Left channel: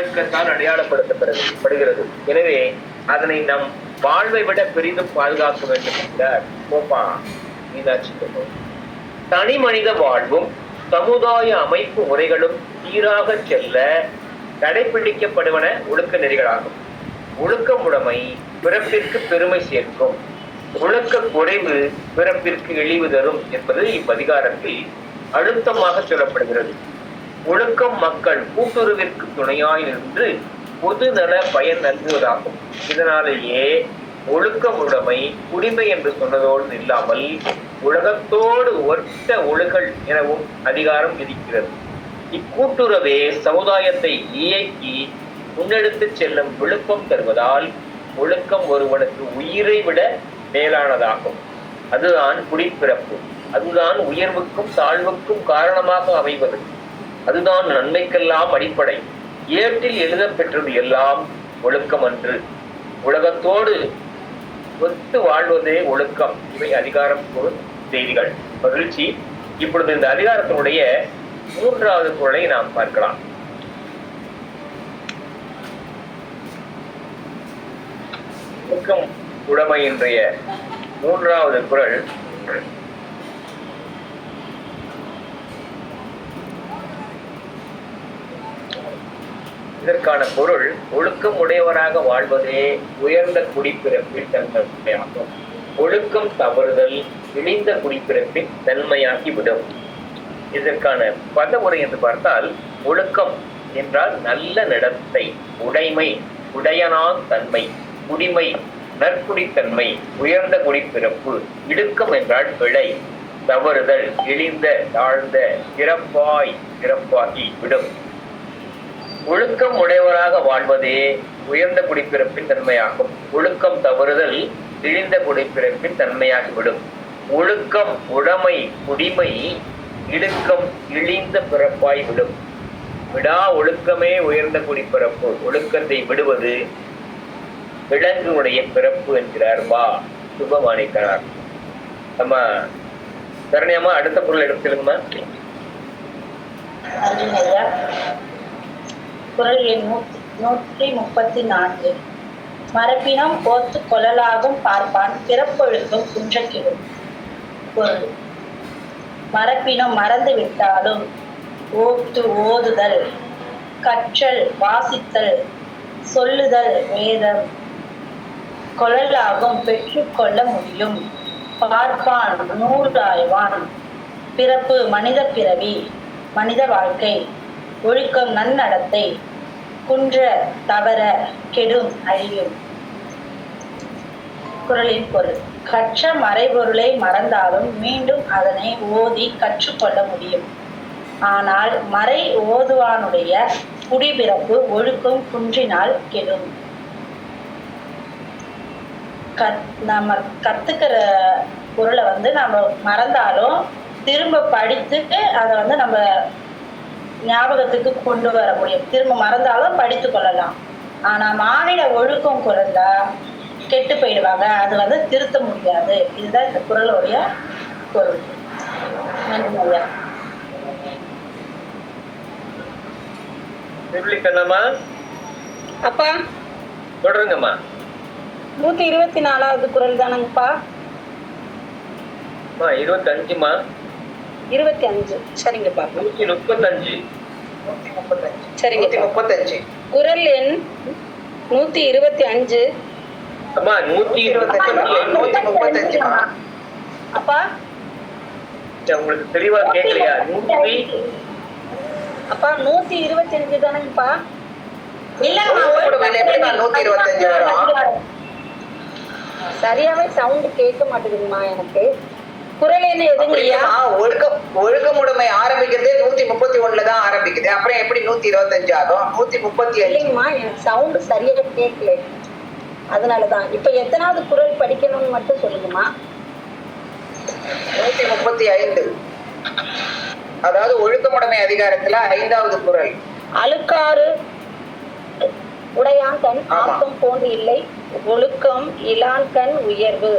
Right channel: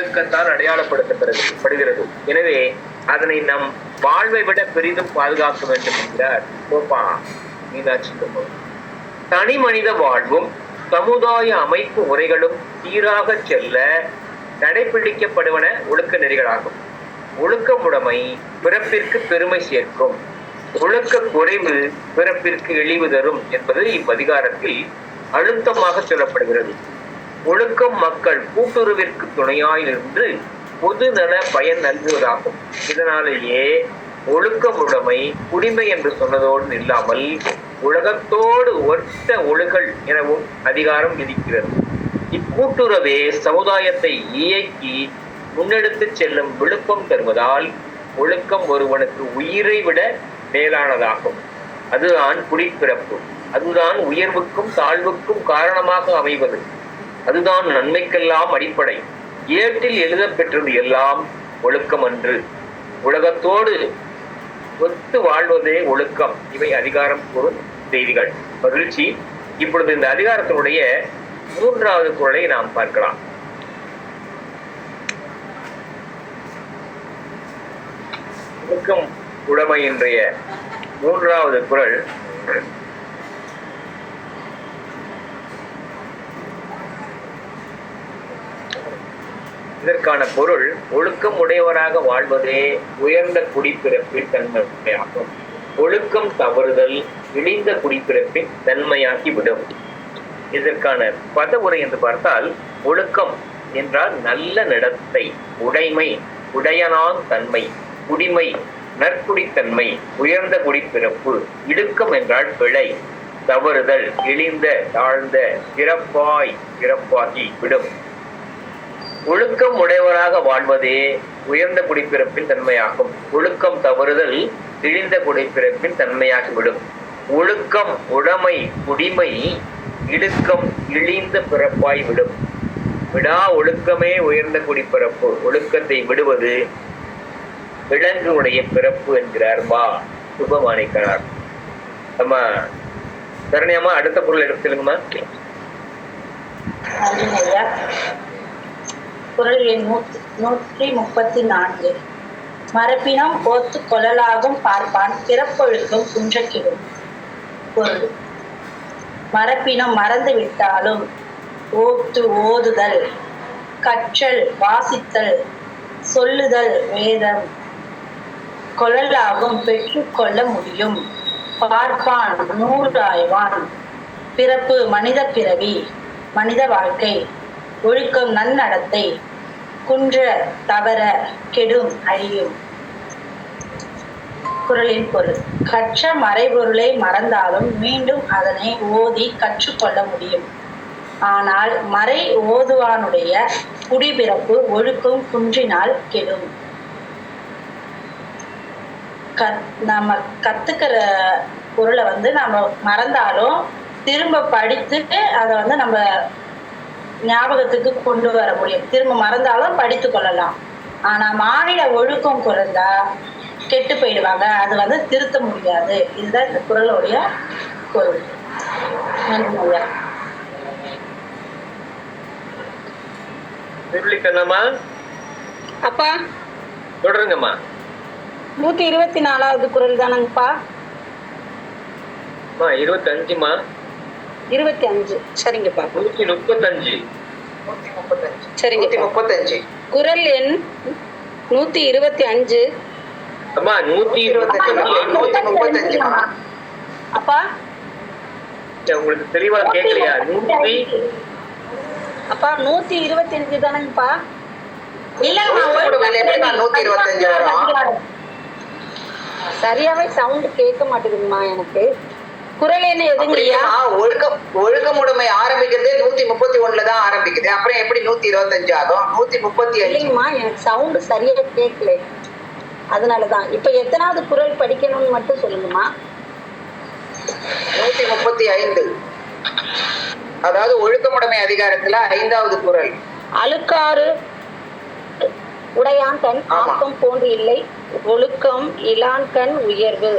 ஒழுக்கத்தால் அடையாளப்படுத்தப்படுகிறது. எனவே அதனை நம் வாழ்வை விட பெரிதும் பாதுகாக்க வேண்டும் என்கிறார் கோப்பா மீனாட்சி. தனி மனித வாழ்வும் சமுதாய அமைப்பு முறைகளும் சீராக செல்ல கடைபிடிக்கப்படுவன ஒழுக்க நெறிகளாகும். ஒழுக்கமுடைமை பிறப்பிற்கு பெருமை சேர்க்கும், ஒழுக்க குறைவு பிறப்பிற்கு இழிவு தரும் என்பது இவ்வதிகாரத்தில் அழுத்தமாக சொல்லப்படுகிறது. ஒழுக்கம் மக்கள் கூட்டுறவிற்கு துணையாய் நின்று பொது நல பயன் நல்குவதாகும். இதனாலேயே ஒழுக்கமுடைமை குடிமை என்று சொன்னதோடு இல்லாமல் உலகத்தோடு ஒத்த ஒழுகல் எனவும் அதிகாரம் விதிக்கிறது. இக்கூட்டுறவே சமுதாயத்தை இயக்கி முன்னெடுத்து செல்லும் விழுப்பம் தருவதால் ஒழுக்கம் ஒருவனுக்கு உயிரை விட மேலானதாகும். அதுதான் குடிப்பிறப்பு, அதுதான் உயர்வுக்கும் தாழ்வுக்கும் காரணமாக அமைவது, அதுதான் நன்மைக்கெல்லாம் அடிப்படை. ஏட்டில் எழுத பெற்றது எல்லாம் ஒழுக்கம் அன்று, உலகத்தோடு ஒத்து வாழ்வதே ஒழுக்கம். இவை அதிகாரம் கூறும் செய்திகள். மகிழ்ச்சி. இப்பொழுது இந்த அதிகாரத்தினுடைய 3வது குறளை நாம் பார்க்கலாம். ஒழுக்கம் உடைமை இன்றைய 3வது குறள். இதற்கான பொருள், ஒழுக்கம் உடையவராக வாழ்வதே உயர்ந்த குடிப்பிறப்பின் தன்மையாகும். ஒழுக்கம் தவறுதல் இழிந்த குடிப்பிறப்பின் தன்மையாகிவிடும். இதற்கான பத உரை என்று பார்த்தால், ஒழுக்கம் என்றால் நல்ல நடத்தை, உடைமை உடையனான் தன்மை, குடிமை நற்குடித்தன்மை, உயர்ந்த குடிப்பிறப்பு. இடுக்கம் என்றால் பிழை, தவறுதல், இழிந்த தாழ்ந்த, பிறப்பாகி விடும். ஒழுக்கம் உடையவராக வாழ்வதே உயர்ந்த குடிப்பிறப்பின் தன்மையாகும். ஒழுக்கம் தவறுதல் இழிந்த குடிப்பிறப்பின் தன்மையாகிவிடும். ஒழுக்கம் உடைமை குடிமை, இடுக்கம் இழிந்த பிறப்பாய் விடும். விடா ஒழுக்கமே உயர்ந்த குடிப்பிறப்பு, ஒழுக்கத்தை விடுவது விலங்குடைய பிறப்பு என்கிறார் பா சுபமாணிக்கனார். நம்ம தரணியம்மா அடுத்த பொருள் எடுத்துருங்கம்மா. குறள் எண் 134. மரபினம் ஓத்து கொள்ளலாகும் பார்ப்பான் பிறப்பொழுக்கும் குன்றக்கிடும். பொருள், மரபினம் மறந்து விட்டாலும் ஓத்து ஓதுதல், கற்றல் வாசித்தல், சொல்லுதல் வேதம், கொள்ளலாகும் பெற்றுக்கொள்ள முடியும். பார்ப்பான் நூறாய்வான். பிறப்பு மனித பிறவி, மனித வாழ்க்கை, ஒழுக்கம் நன்னடத்தை, குன்ற தவற கெடும் அழியும். குறளின் பொருள், கற்ற மறைபொருளை மறந்தாலும் மீண்டும் அதனை ஓதி கற்றுக்கொள்ள முடியும். ஆனால் மறை ஓதுவானுடைய குடிபிறப்பு ஒழுக்கம் குன்றினால் கெடும். நம்ம கத்துக்கிற பொருளை நம்ம மறந்தாலும் திரும்ப படித்துட்டு அதை நம்ம ஞாபகத்துக்கு கொண்டு வர முடியும். திரும்ப மறந்தாலும் படித்து கொள்ளலாம். ஆனா மாநில ஒழுக்கம் குறைந்தா கெட்டு போயிடுவாங்க, அது திருத்த முடியாது. இதுதான் இந்த குறளுடைய பொருள். அப்பா தொடருங்கம்மா. 124வது குறள் தானங்கப்பா? 25மா. 25. சரிங்கப்பா. 135. சரிங்க. 135. குறள் எண் 125. அம்மா 125. அப்பா உங்களுக்கு தெளிவா கேட்கலையா? அப்பா 125 தானங்கப்பா? சரியாவே சவுண்ட் கேட்க மாட்டேங்குதுமா எனக்கு. குறள் என்ன எதுங்கய்யா? ஒழுக்கமுடைமை ஆரம்பிக்கிறதே 131 தான் ஆரம்பிக்குது. அப்புறம் எப்படி 125 ஆகும்? 135 இல்லைங்கம்மா, எனக்கு சவுண்ட் சரியா கேட்கல, அதனாலதான். இப்ப எத்தனாவது குறள் படிக்கணும்னு மட்டும் சொல்லுங்கம்மா. 135, அதாவது ஒழுக்கமுடைமை அதிகாரத்துல 5வது குறள். அழுக்காறு உடையான் கண் ஆக்கம் போன்று இல்லை, ஒழுக்கம் இலான் கண் உயர்வு.